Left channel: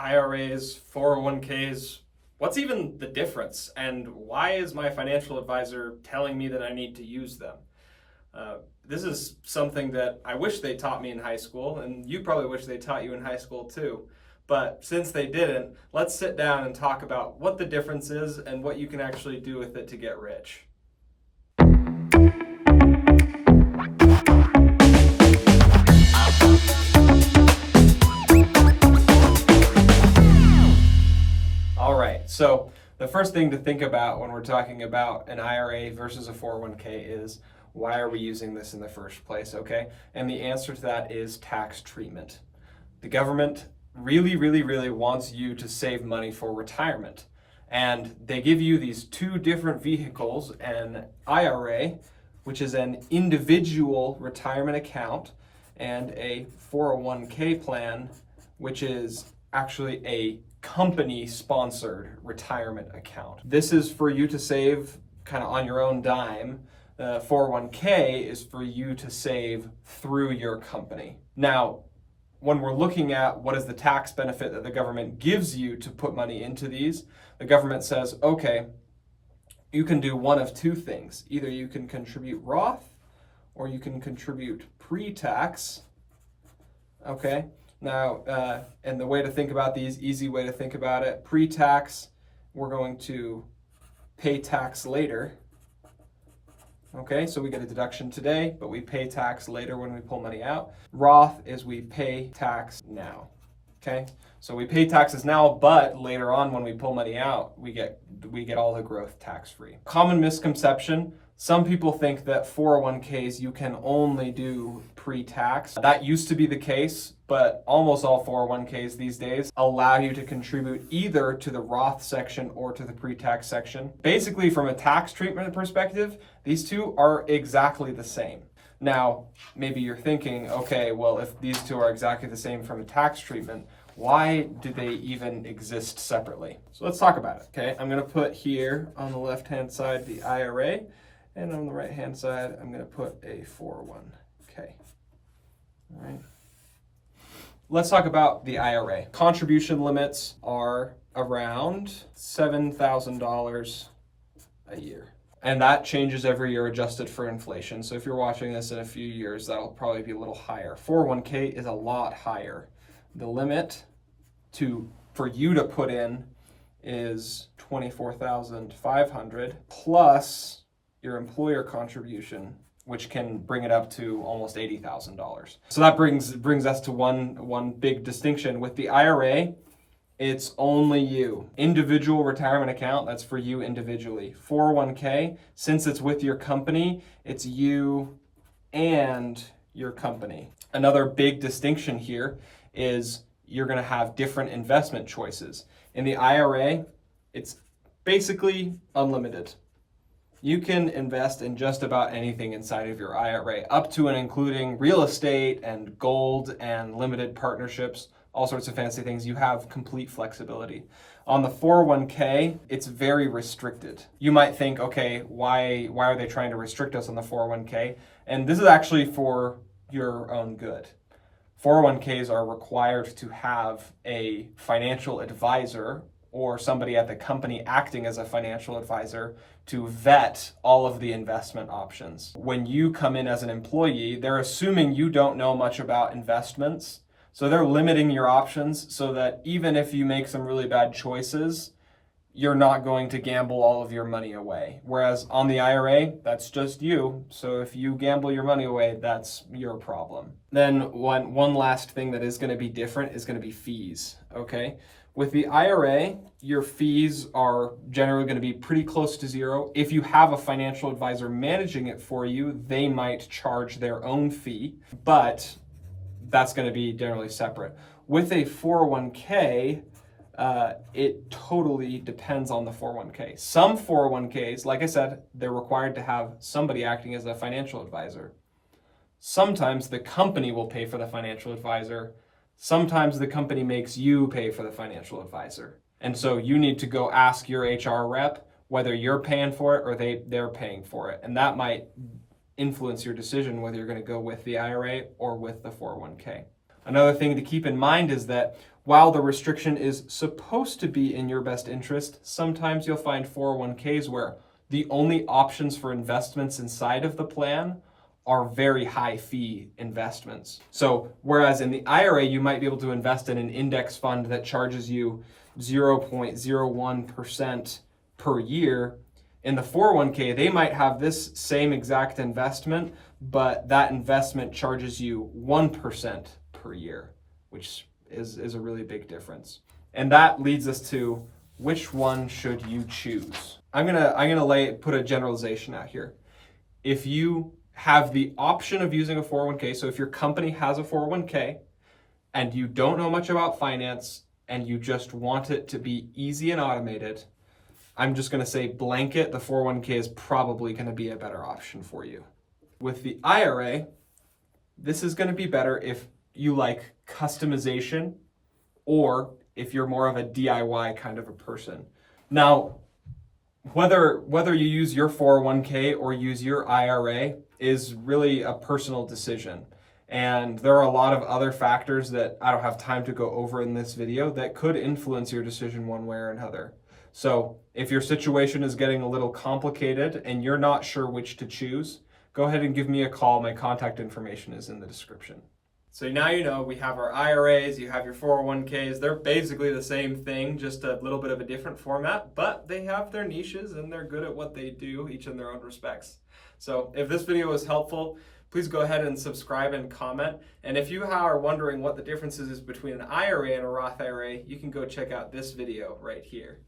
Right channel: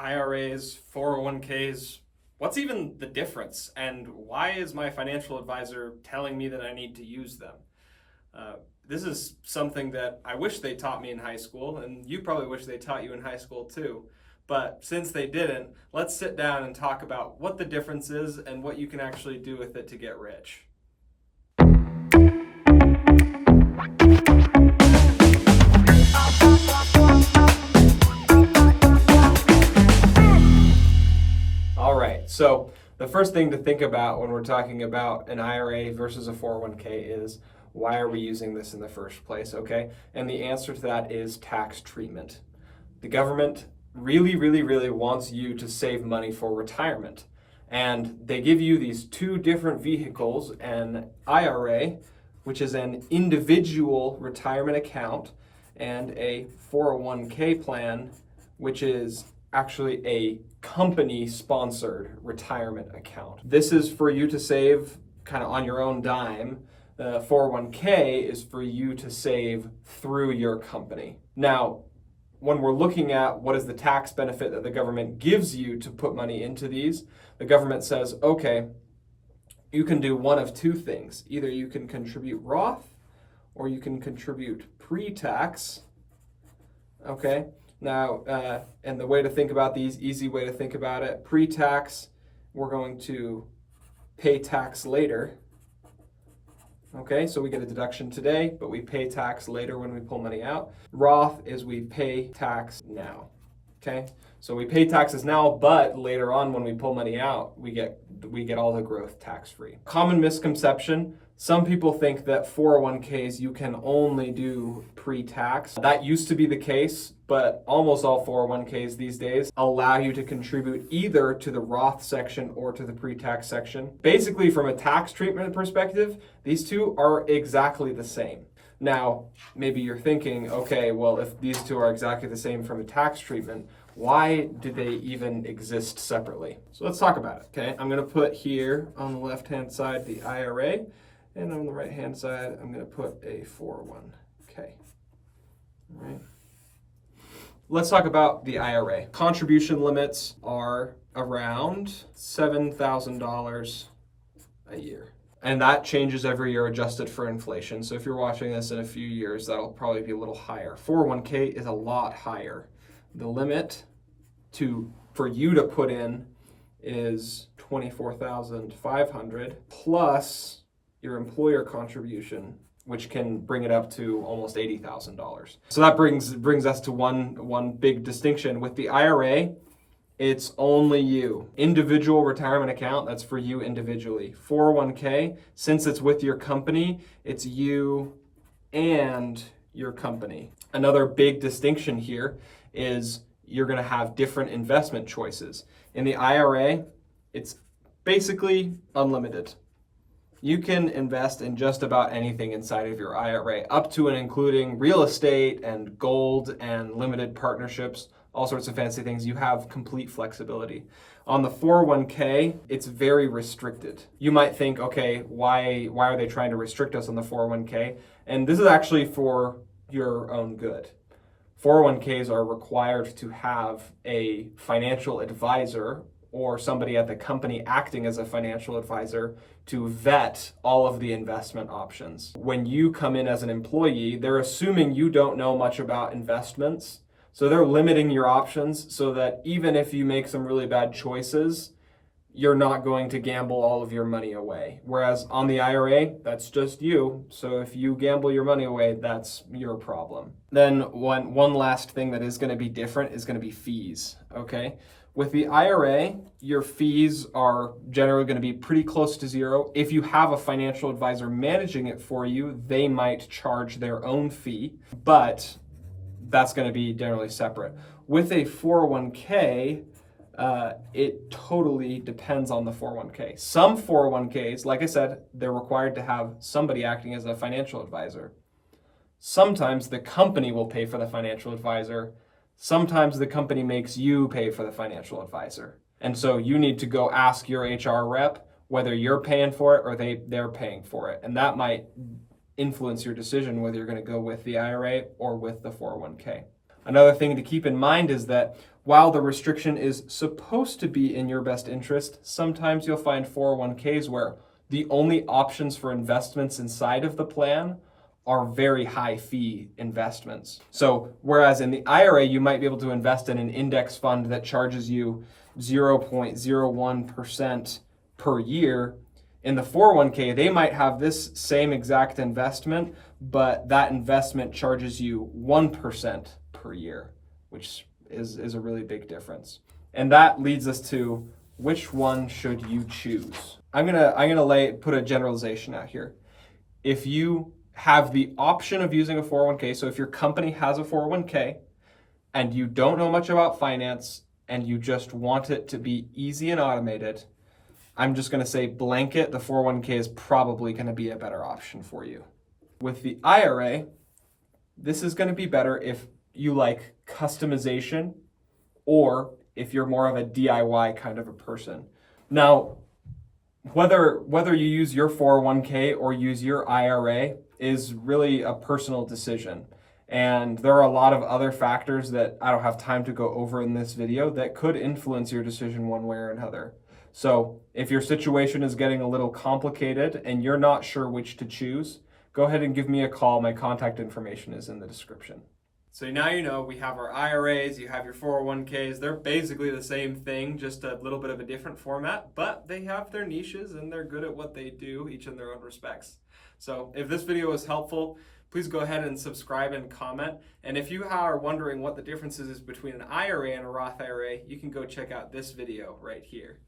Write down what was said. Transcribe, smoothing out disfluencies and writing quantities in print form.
IRAs, 401ks, what's even the difference? And why is my financial advisor telling me that I need to use them? This is something that I wish they taught me in high school, and you probably wish they taught you in high school too. But since they didn't, let's sit down and talk about what the difference is and what you can actually do with it to get rich. All right, so the first thing to think about when we're talking about an IRA versus a 401k is, why are we using this in the first place, okay? And the answer to that is tax treatment. The government really wants you to save money for retirement. And they give you these two different vehicles, an IRA, which is an individual retirement account, and a 401k plan, which is actually a company-sponsored retirement account. This is for you to save kind of on your own dime. The 401k is for you to save through your company. Now, when we're looking at what is the tax benefit that the government gives you to put money into these, the government says, okay, you can do one of two things. Either you can contribute Roth or you can contribute pre-tax, okay? Now, and the way to think about these, easy way to think about it, pre-tax, we're going to pay tax later. Okay, so we get a deduction today, but we pay tax later when we pull money out. Roth is we pay tax now. Okay, so we pay taxes now, but later on when we pull money out, we get all the growth tax-free. Common misconception. Some people think that 401ks you can only do pre-tax. That used to be the case, but almost all 401ks these days allow you to contribute either to the Roth section or to the pre-tax section. Basically, from a tax treatment perspective, these two are exactly the same. Now, maybe you're thinking, okay, well, if these two are exactly the same from a tax treatment, why do they even exist separately? So let's talk about it, okay? I'm gonna put here on the left-hand side the IRA, and on the right-hand side, I'm gonna put a 401k, all right? Let's talk about the IRA. Contribution limits are around $7,000 a year. And that changes every year adjusted for inflation. So if you're watching this in a few years, that'll probably be a little higher. 401k is a lot higher. The limit for you to put in is $24,500 plus your employer contribution, which can bring it up to almost $80,000. So that brings us to one big distinction. With the IRA, it's only you. Individual retirement account, that's for you individually. 401k, since it's with your company, it's you and your company. Another big distinction here is you're gonna have different investment choices. In the IRA, it's basically unlimited. You can invest in just about anything inside of your IRA, up to and including real estate and gold and limited partnerships, all sorts of fancy things. You have complete flexibility. On the 401k, it's very restricted. You might think, okay, why are they trying to restrict us on the 401k? And this is actually for your own good. 401ks are required to have a financial advisor or somebody at the company acting as a financial advisor to vet all of the investment options. When you come in as an employee, they're assuming you don't know much about investments. So they're limiting your options so that even if you make some really bad choices, you're not going to gamble all of your money away. Whereas on the IRA, that's just you. So if you gamble your money away, that's your problem. Then one last thing that is going to be different is going to be fees, okay? With the IRA, your fees are generally going to be pretty close to zero. If you have a financial advisor managing it for you, they might charge their own fee, but that's going to be generally separate. With a 401k, it totally depends on the 401k. Some 401ks, like I said, they're required to have somebody acting as a financial advisor. Sometimes the company will pay for the financial advisor. Sometimes the company makes you pay for the financial advisor. And so you need to go ask your HR rep whether you're paying for it or they're paying for it. And that might influence your decision whether you're going to go with the IRA or with the 401k. Another thing to keep in mind is that while the restriction is supposed to be in your best interest, sometimes you'll find 401ks where the only options for investments inside of the plan are very high fee investments. So whereas in the IRA, you might be able to invest in an index fund that charges you 0.01% per year, in the 401k, they might have this same exact investment, but that investment charges you 1% per year, which is a really big difference. And that leads us to which one should you choose? I'm gonna put a generalization out here. If you have the option of using a 401k, so if your company has a 401k and you don't know much about finance and you just want it to be easy and automated, I'm just going to say blanket, the 401k is probably going to be a better option for you. With the IRA, this is going to be better if you like customization or if you're more of a DIY kind of a person. Now, whether you use your 401k or use your IRA is really a personal decision. And there are a lot of other factors that I don't have time to go over in this video that could influence your decision one way or another. So if your situation is getting a little complicated and you're not sure which to choose, go ahead and give me a call. My contact information is in the description. So now you know we have our IRAs, you have your 401ks. They're basically the same thing, just a little bit of a different format, but they have their niches and they're good at what they do, each in their own respects. So if this video was helpful, please go ahead and subscribe and comment. And if you are wondering what the differences is between an IRA and a Roth IRA, you can go check out this video right here.